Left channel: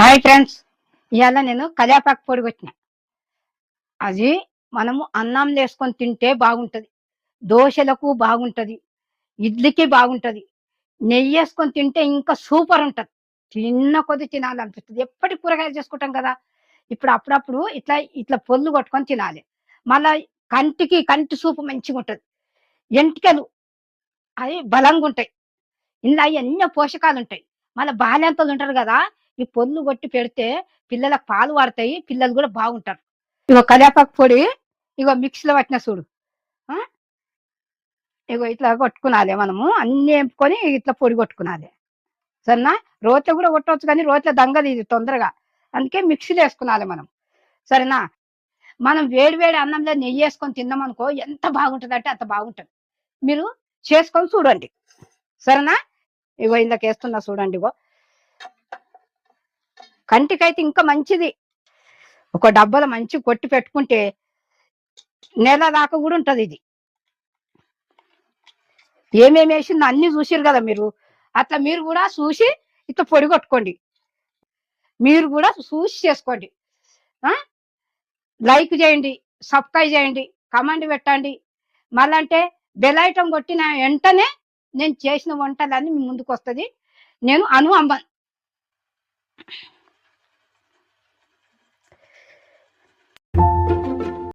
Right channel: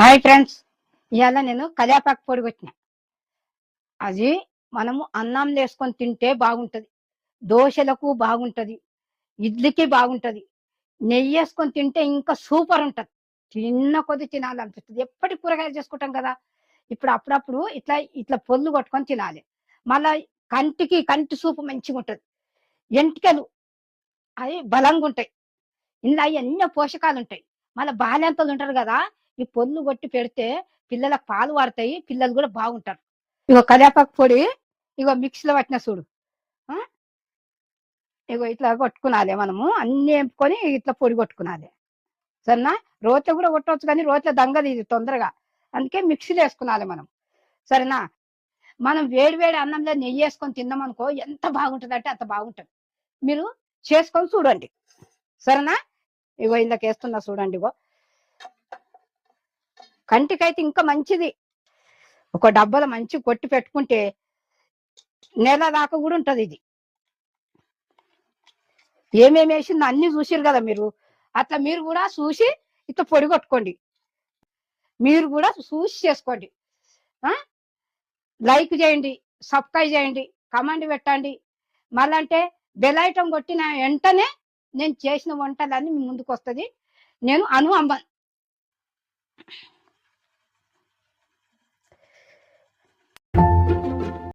Hi friends, ఇవాళ నేను కళ్యాపాకు పొడి కొట్టిన. అది మనము అన్నం వేసుకొని తింటే బాగుంటది, దోశలకు బాగుంటది, ఇడ్లీకి బాగుంటది, నెయ్యి వేసుకొని తింటే ఇంకా సూపర్ ఉంటది. తిన్న కొద్ది తినాలనిపిస్తుంది. ఎప్పటి కూరగాయలు చేసుకుంటాం కదా, ఇప్పుడు అప్పుడప్పుడు ఇట్లా ఇట్లా పొల్లు కొట్టుకొని తినాలి. మళ్ళా కంటి సూపు మంచిగా ఉంటది. ఎంటికలు అవి బలంగా ఉంటాయి. ఇందులో ఎన్నో పోషకాలు ఉంటాయి. మళ్ళీ బాల్యంతలు ఉంటారు కదా, ఈ పొల్లు కొట్టి పెడితే పిల్లలకు పాలు వాడతాయి, పిల్లలు కూడా బాగుంటారు. ఇగో కరివేపాకు పొడి, ఇగో మిక్సీలో పట్టిన చూడు. ఆ, ఇగో ఇట్లా కొట్టుకునాలి, మనము అన్ని వేపుకొని ఇట్లా పొడి కొట్టుకునాలి. సరేనా? రోట్లో కూడా కొట్టవచ్చు, కానీ రోట్లో దంగది ఇది తొందరగా. అందుకే మిక్సీలో వేసుకునాలి మనం. సరేనా? మనం వేడి వేడి అన్నంలో నెయ్యి వేసుకొని తిన్నాం అనుకో, ఎంత బాగుంటుంది అంటే అంత బాగుంటుంది. మీరు చేసుకొని చూడండి. సరేనా? ఇగో ఇందాక వేస్తున్నా చూడండి. ఇగో కంటికైతే ఇంకా మంచిది. ఒక డబ్బాలో మంచి కొట్టి పెట్టుకుంటే నెల దాకా కూడా ఉంటది. ఇది ఏమేమి వేసిందో అన్ని చూసిరు కదా మీరు. అట్లా మీరు కూడా చూసి ఇట్లా పొడి కొట్టుకోండి. మీరు కూడా చూసి చేసుకోండి. ఆ, లైక్ చేయండి, సబ్స్క్రైబ్ చేయండి, కమెంట్ పెట్టండి. మళ్ళంటే బెల్ ఐటమ్ కొట్టిన వెంటనే నేను చేసిన వంటలన్నీ మీ ముందుకు వస్తుంది. నేను అను అంబన్.